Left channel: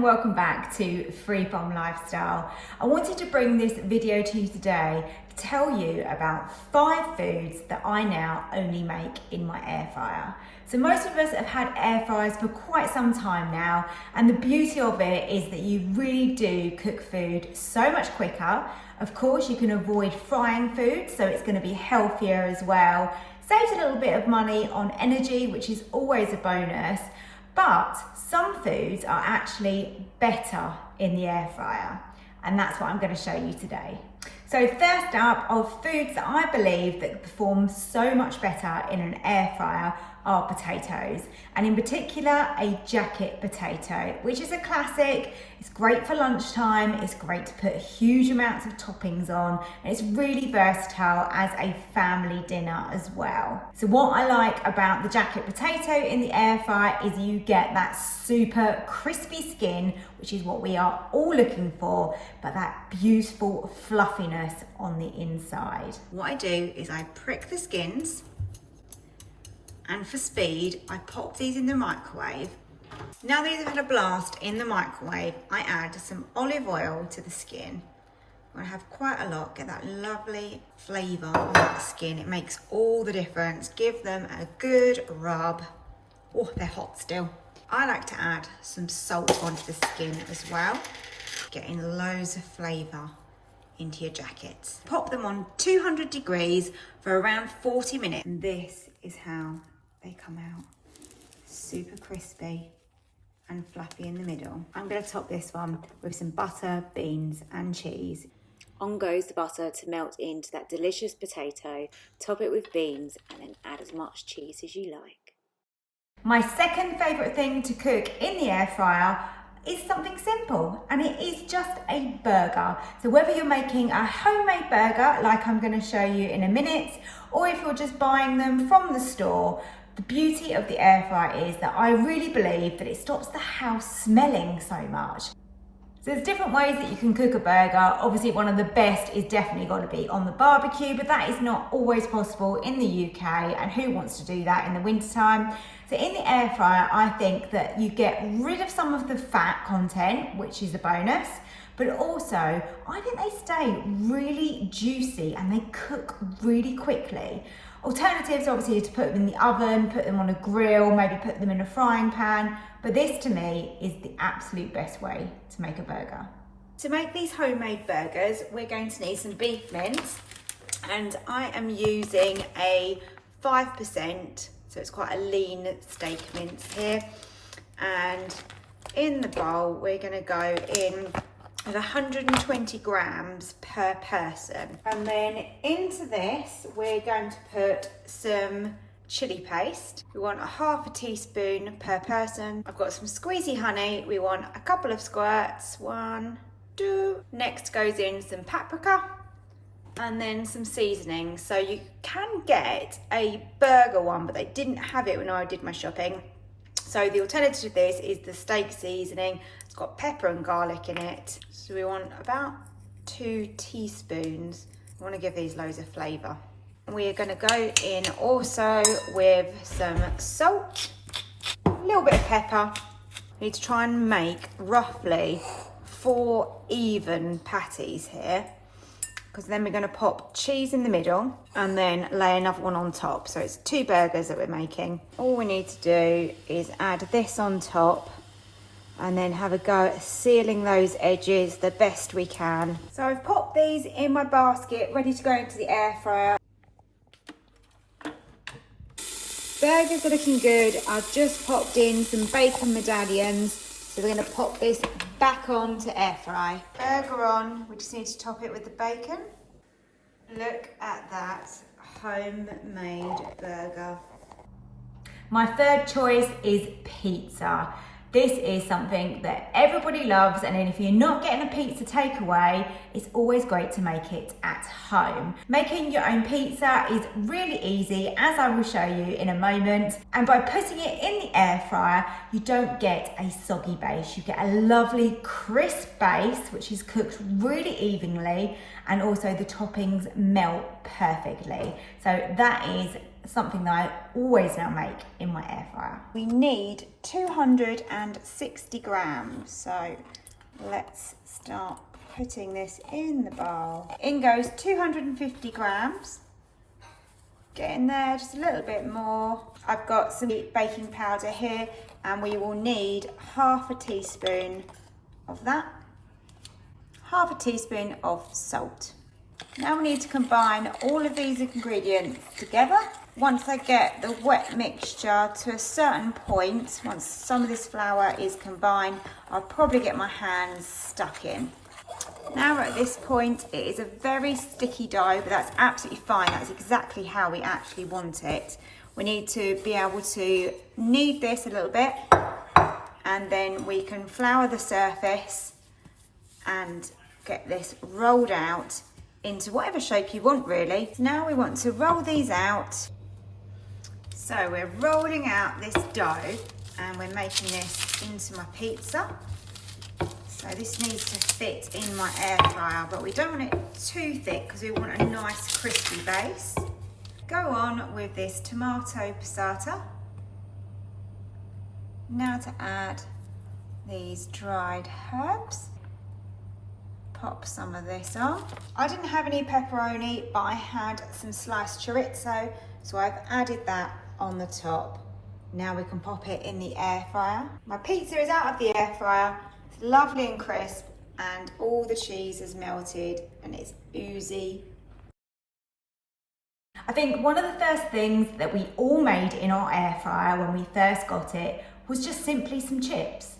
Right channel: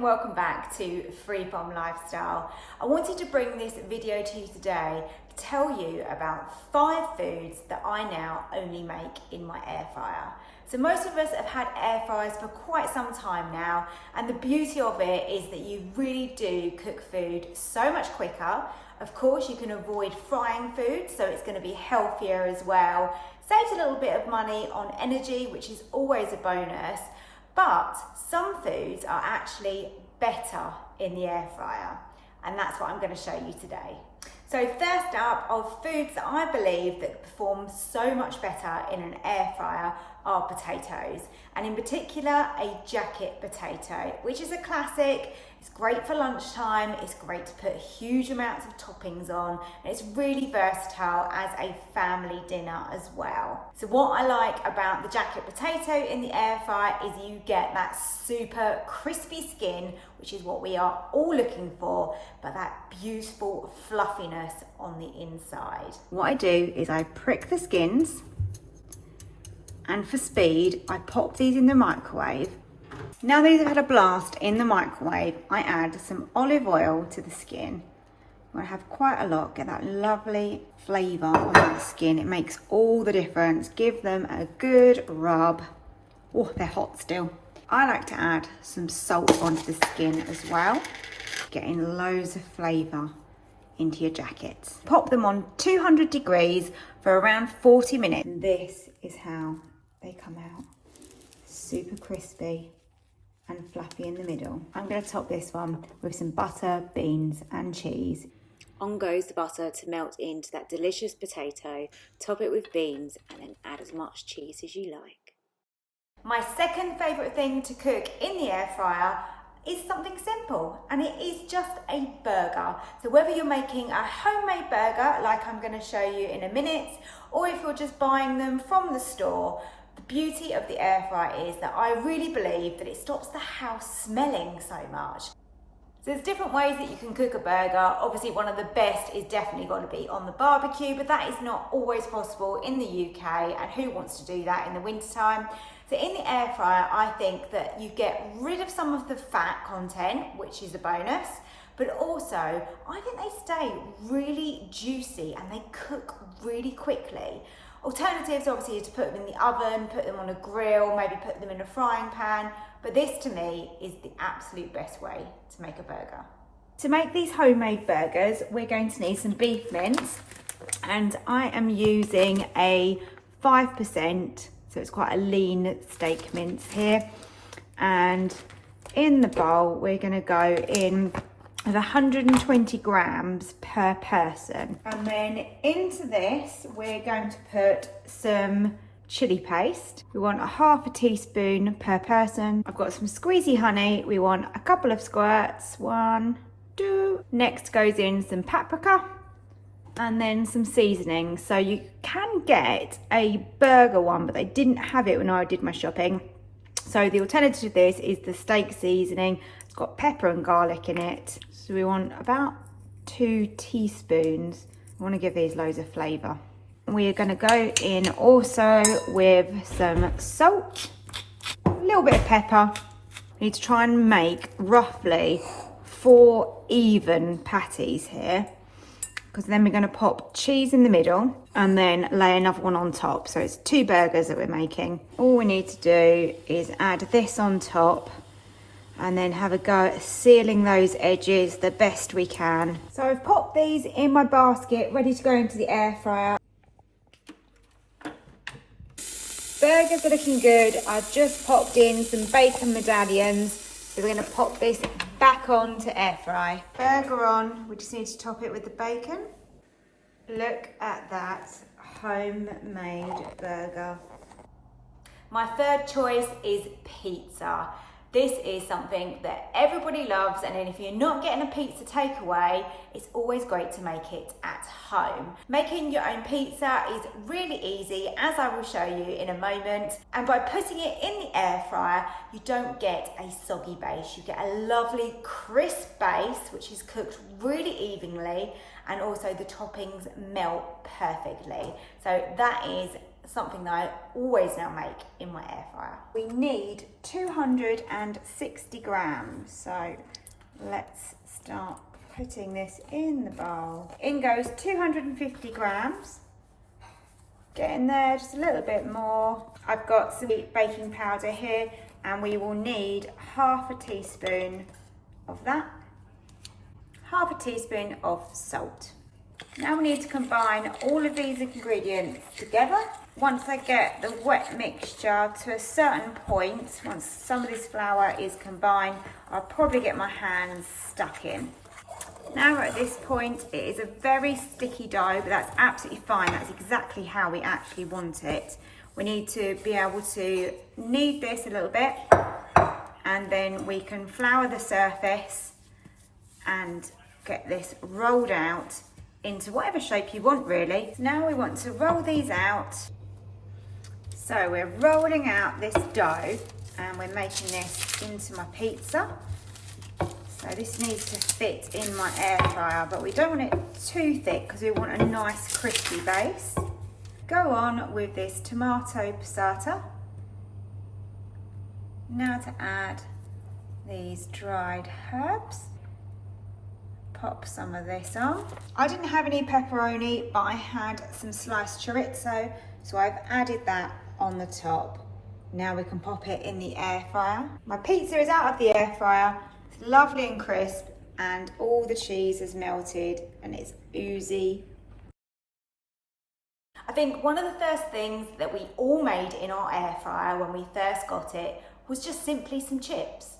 and welcome back to Free From Lifestyle. I wanted to bring this video to you today to tell you about 5 foods that I now only make in my air fryer. So most of us have had air fryers for quite some time now, and the beauty of it is that you really do cook food so much quicker. Of course, you can avoid frying food, so it's going to be healthier as well. Saves a little bit of money on energy, which is always a bonus. But some foods are actually better in the air fryer, and that's what I'm going to show you today. So first up, of foods that I believe that perform so much better in an air fryer are potatoes, and in particular a jacket potato, which is a classic. It's great for lunchtime, it's great to put huge amounts of toppings on, and it's really versatile as a family dinner as well. So what I like about the jacket potato in the air fryer is you get that super crispy skin, which is what we are all looking for, but that beautiful fluffiness on the inside. What I do is I prick the skins, and for speed, I pop these in the microwave. Now these have had a blast in the microwave, I add some olive oil to the skin. I'm gonna have quite a lot, get that lovely flavour on the skin. It makes all the difference. Give them a good rub. Oh, they're hot still. I like to add some salt onto the skin as well, getting loads of flavour into your jackets. Pop them on 200 degrees for around 40 minutes. And this is how they come out. Super crispy and fluffy in the middle. I'm going to top this one with some butter, beans and cheese. On goes the butter to melt into that delicious potato. Top it with beans and then add as much cheese as you like. My second favourite thing to cook in the air fryer is something simple, and it is just a burger. So whether you're making a homemade burger like I'm going to show you in a minute, or if you're just buying them from the store, the beauty of the air fryer is that I really believe that it stops the house smelling so much. So there's different ways that you can cook a burger. Obviously one of the best is definitely got to be on the barbecue, but that is not always possible in the UK, and who wants to do that in the wintertime? So in the air fryer, I think that you get rid of some of the fat content, which is a bonus, but also I think they stay really juicy and they cook really quickly. Alternatives obviously are to put them in the oven, put them on a grill, maybe put them in a frying pan, but this to me is the absolute best way to make a burger. To make these homemade burgers, we're going to need some beef mince, and I am using a 5%, so it's quite a lean steak mince here. And in the bowl, we're going to go in of 120 grams per person. And then into this, we're going to put some chili paste. We want a half a teaspoon per person. I've got some squeezy honey. We want a couple of squirts. 1, 2. Next goes in some paprika, and then some seasoning. So you can get a burger one, but they didn't have it when I did my shopping. So the alternative to this is the steak seasoning. It's got pepper and garlic in it. So we want about 2 teaspoons. I want to give these loads of flavour. We are going to go in also with some salt, a little bit of pepper. We need to try and make roughly 4 even patties here, because then we're going to pop cheese in the middle and then lay another one on top. So it's 2 burgers that we're making. All we need to do is add this on top and then have a go at sealing those edges the best we can. So I've popped these in my basket, ready to go into the air fryer. Burgers are looking good. I've just popped in some bacon medallions. So we're going to pop this back on to air fry. Burger on, we just need to top it with the bacon. Look at that homemade burger. My third choice is pizza. This is something that everybody loves, and then if you're not getting a pizza takeaway, it's always great to make it at home. Making your own pizza is really easy, as I will show you in a moment. And by putting it in the air fryer, you don't get a soggy base. You get a lovely crisp base, which is cooked really evenly, and also the toppings melt perfectly. So that is something that I always now make in my air fryer. We need 260 grams, so let's start putting this in the bowl. In goes 250 grams. Get in there just a little bit more. I've got some baking powder here, and we will need half a teaspoon of that. Half a teaspoon of salt. Now we need to combine all of these ingredients together. Once I get the wet mixture to a certain point, once some of this flour is combined, I'll probably get my hands stuck in. Now we're at this point, it is a very sticky dough, but that's absolutely fine. That's exactly how we actually want it. We need to be able to knead this a little bit, and then we can flour the surface and get this rolled out into whatever shape you want, really. So now we want to roll these out. So we're rolling out this dough and we're making this into my pizza. So this needs to fit in my air fryer, but we don't want it too thick because we want a nice crispy base. Go on with this tomato passata. Now to add these dried herbs. Pop some of this on. I didn't have any pepperoni, but I had some sliced chorizo, so I've added that on the top. Now we can pop it in the air fryer. My pizza is out of the air fryer. It's lovely and crisp, and all the cheese has melted and it's oozy. I think one of the first things that we all made in our air fryer when we first got it was just simply some chips.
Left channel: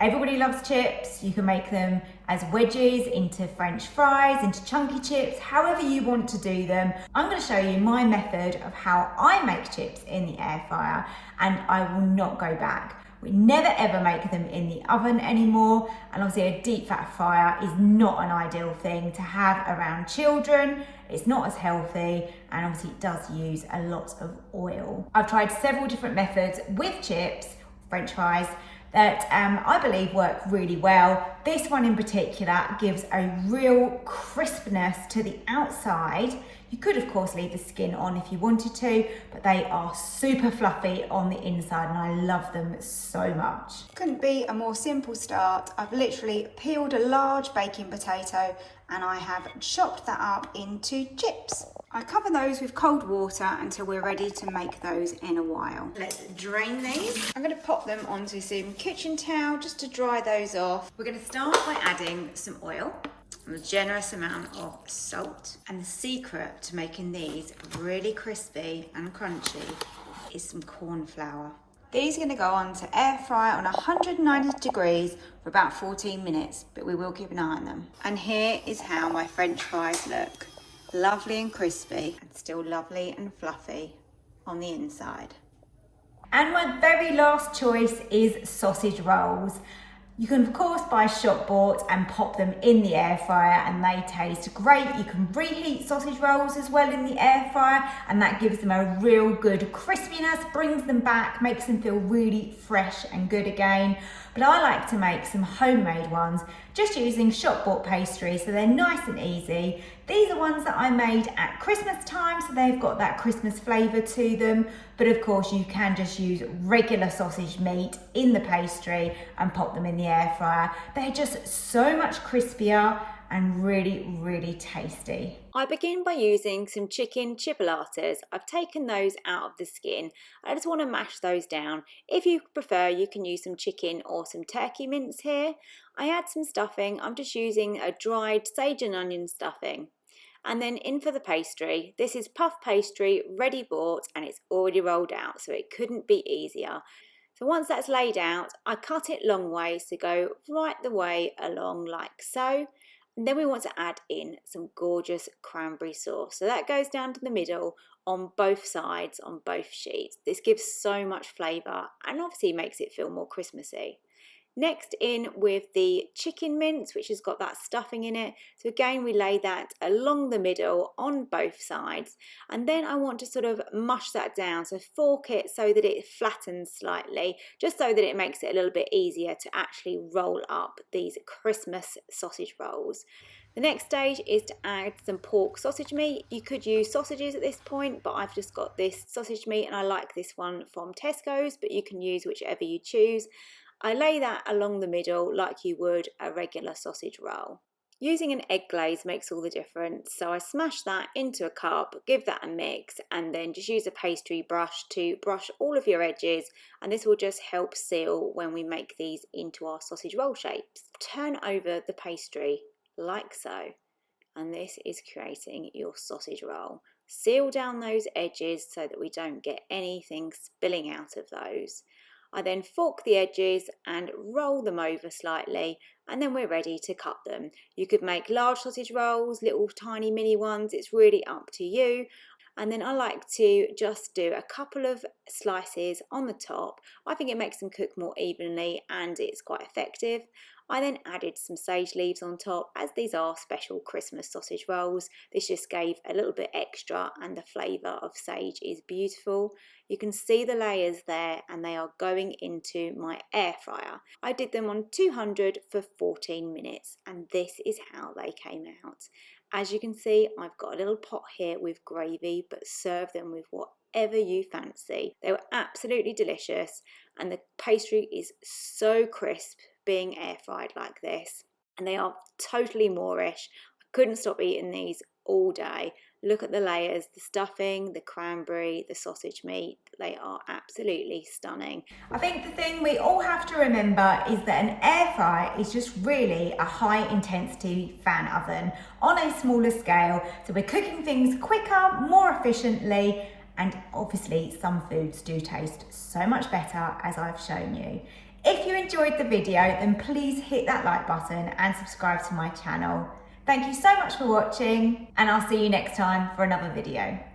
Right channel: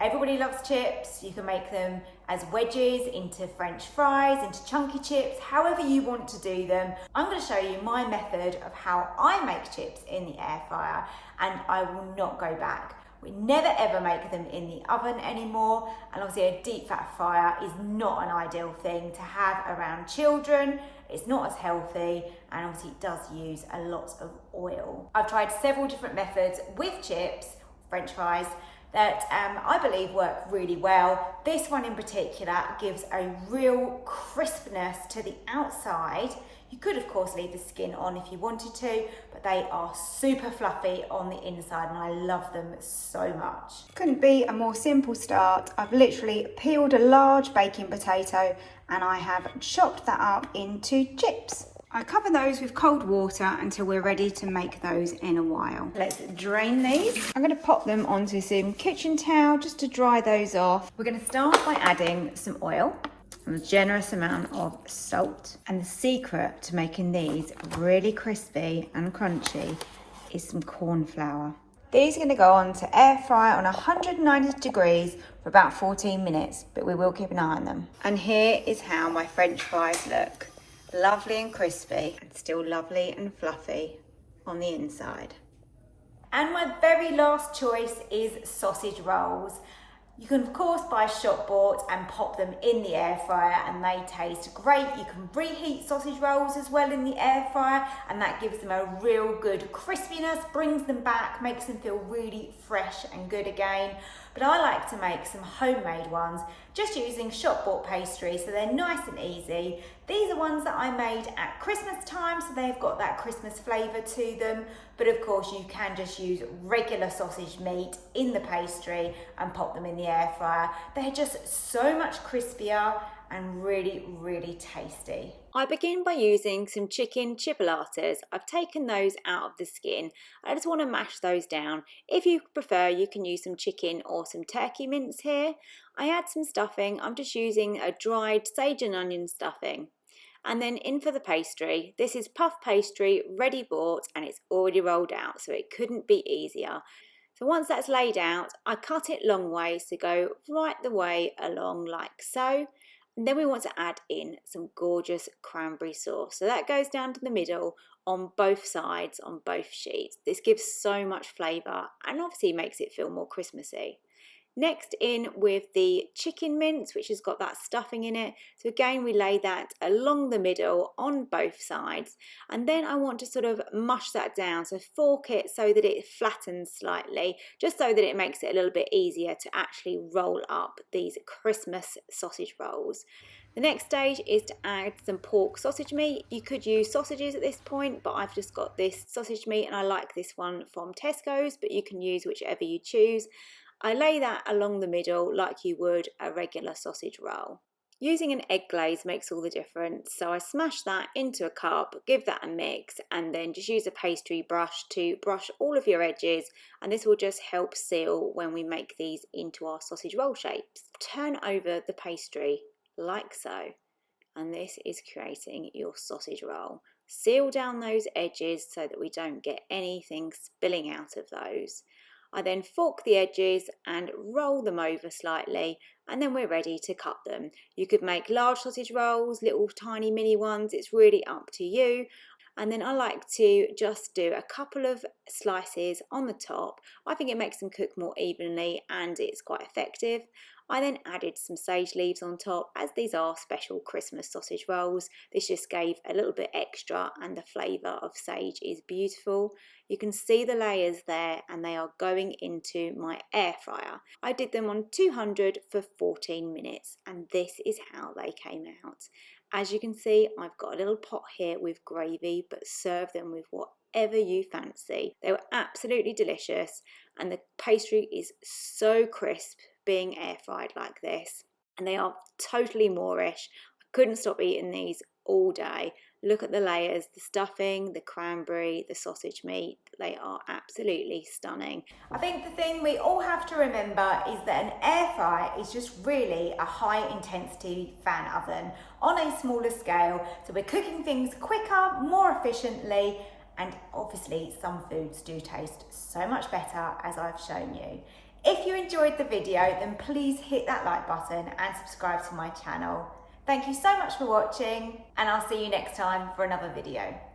Everybody loves chips. You can make them as wedges, into French fries, into chunky chips, however you want to do them. I'm going to show you my method of how I make chips in the air fryer, and I will not go back. We never ever make them in the oven anymore, and obviously a deep fat fryer is not an ideal thing to have around children. It's not as healthy, and obviously it does use a lot of oil. I've tried several different methods with chips, French fries, that I believe work really well. This one in particular gives a real crispness to the outside. You could of course leave the skin on if you wanted to, but they are super fluffy on the inside and I love them so much. Couldn't be a more simple start. I've literally peeled a large baking potato and I have chopped that up into chips. I cover those with cold water until we're ready to make those in a while. Let's drain these. I'm going to pop them onto some kitchen towel just to dry those off. We're going to start by adding some oil and a generous amount of salt. And the secret to making these really crispy and crunchy is some corn flour. These are going to go on to air fry on 190 degrees for about 14 minutes, but we will keep an eye on them. And here is how my French fries look. Lovely and crispy, and still lovely and fluffy on the inside. And my very last choice is sausage rolls. You can of course buy shop bought and pop them in the air fryer and they taste great. You can reheat sausage rolls as well in the air fryer and that gives them a real good crispiness, brings them back, makes them feel really fresh and good again. But I like to make some homemade ones just using shop bought pastry, so they're nice and easy. These are ones that I made at Christmas time, so they've got that Christmas flavour to them. But of course you can just use regular sausage meat in the pastry and pop them in the air fryer. They're just so much crispier and really, really tasty. I begin by using some chicken chipolatas. I've taken those out of the skin. I just want to mash those down. If you prefer, you can use some chicken or some turkey mince here. I add some stuffing. I'm just using a dried sage and onion stuffing. And then in for the pastry. This is puff pastry, ready bought, and it's already rolled out, so it couldn't be easier. So once that's laid out, I cut it long ways to go right the way along like so. And then we want to add in some gorgeous cranberry sauce. So that goes down to the middle on both sides, on both sheets. This gives so much flavour and obviously makes it feel more Christmassy. Next in with the chicken mince, which has got that stuffing in it. So again, we lay that along the middle on both sides. And then I want to sort of mush that down. So fork it so that it flattens slightly, just so that it makes it a little bit easier to actually roll up these Christmas sausage rolls. The next stage is to add some pork sausage meat. You could use sausages at this point, but I've just got this sausage meat and I like this one from Tesco's, but you can use whichever you choose. I lay that along the middle like you would a regular sausage roll. Using an egg glaze makes all the difference, so I smash that into a cup, give that a mix, and then just use a pastry brush to brush all of your edges, and this will just help seal when we make these into our sausage roll shapes. Turn over the pastry like so, and this is creating your sausage roll. Seal down those edges so that we don't get anything spilling out of those. I then fork the edges and roll them over slightly, and then we're ready to cut them. You could make large sausage rolls, little tiny mini ones, it's really up to you. And then I like to just do a couple of slices on the top. I think it makes them cook more evenly and it's quite effective. I then added some sage leaves on top, as these are special Christmas sausage rolls. This just gave a little bit extra and the flavour of sage is beautiful. You can see the layers there and they are going into my air fryer. I did them on 200 for 14 minutes and this is how they came out. As you can see, I've got a little pot here with gravy, but serve them with whatever you fancy. They were absolutely delicious and the pastry is so crisp being air fried like this, and they are totally Moorish. I couldn't stop eating these all day. Look at the layers, the stuffing, the cranberry, the sausage meat. They are absolutely stunning. I think the thing we all have to remember is that an air fryer is just really a high intensity fan oven on a smaller scale. So we're cooking things quicker, more efficiently, and obviously some foods do taste so much better, as I've shown you. If you enjoyed the video, then please hit that like button and subscribe to my channel. Thank you so much for watching, and I'll see you next time for another video.